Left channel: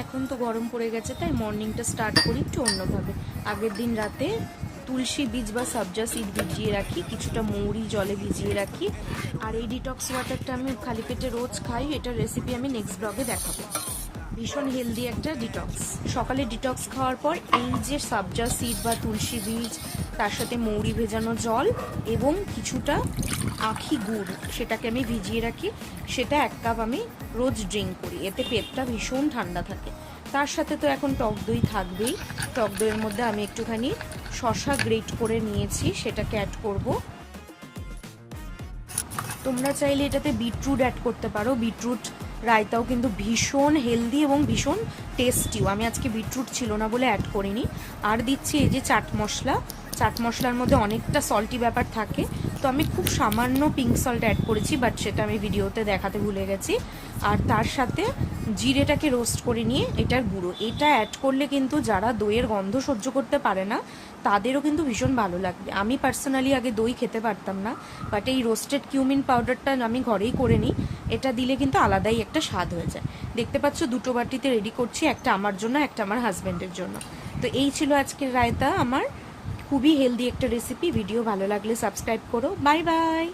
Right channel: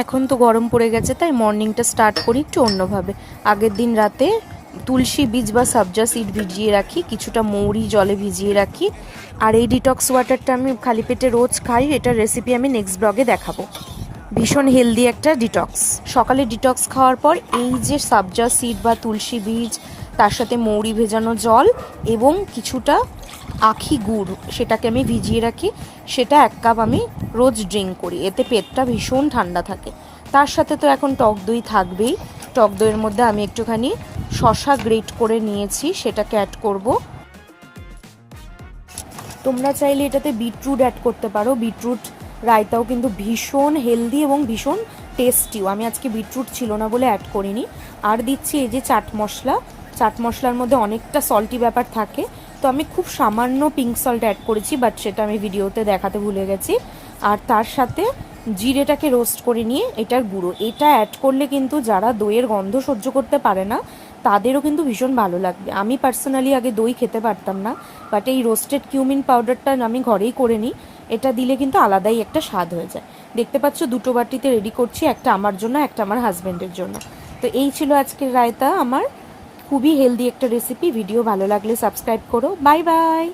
এখন তো গরম পড়ে গেছে, তাই মর্নিংটা স্টার্ট করি একটু অন্যভাবে। আগের দিন রাতে তুলসী বীজ বা সাবজা সিড ভিজিয়ে রাখি, কিছুটা মৌরি জলে ভিজিয়ে রাখি। আর এই ডিটক্স ওয়াটারটা আমি খালি পেটে রোজ খাই। এটার রেসিপি আমি নেক্সট ব্লগে দেখাবো। ভীষণ হেলদি একটা ডিটক্স। সকালে ডিটক্স খাওয়ার পর এই যে সাবজা সিড বা তুলসী বীজ, তার সাথে মৌরি ভেজানো জল এবং কিছুটা আখি গুড়, সেটাকে আমি ভিজিয়ে রাখি, সেটা 1 কাপ আমি রোজ ড্রিঙ্ক করি। এতে পেটটা ভীষণ ঠান্ডা থাকে। তার সাথে তো এখন টক দই থাকবেই। টক দইয়ের মধ্যে আমি একটুখানি শসা গ্রেট করে নিয়েছি, সেটাকে অ্যাড করব। তোমরা চাইলে এটাতে বিটরুট অ্যাড করতে পারো। বিটরুট রায়তাও কিন্তু ভীষণ হেলদি এবং ভীষণ টেস্টিও। আমি আজকে বিটরুট ছিল না বলে অ্যাড করিনি। আর দিচ্ছি এই যে চাট মশলা। চাট মশলার মধ্যে অনেকটা সল্টি ব্যাপার থাকে, তো আমি খুব সামান্য পিঙ্ক সল্ট অ্যাড করেছি, বাট সেটা আমি ভিডিওতে দেখাতে ভুলে গেছি। আর তার সাথে জিরেটাকে রোস্ট করে নিয়ে এটার গুঁড়ো, এটা অ্যাড করলে কিন্তু যারা দইয়ের গন্ধ সহ্য করতে পারে না তাদেরও কিন্তু ভীষণ ভালো লাগবে। আমি পার্সোনালি আগে দই খেতে পারতাম না, বাট এই রোস্টেড কিউমিন পাউডারটা আমি ঘরেই করে নিই। এটা দিলে কিন্তু আলাদাই একটা স্বাদ হয়ে যায়। দেখতে পাচ্ছ 2টো বাটিতে রেডি করছি, একটা আমার জন্য, একটা আমার হাজব্যান্ডের জন্য। তো এই ছিল আজকের রায়তা আমার। খুবই হেলদি একটা রেসিপি। ভিডিও ভালো লাগলে সাবস্ক্রাইব করো। Bye bye.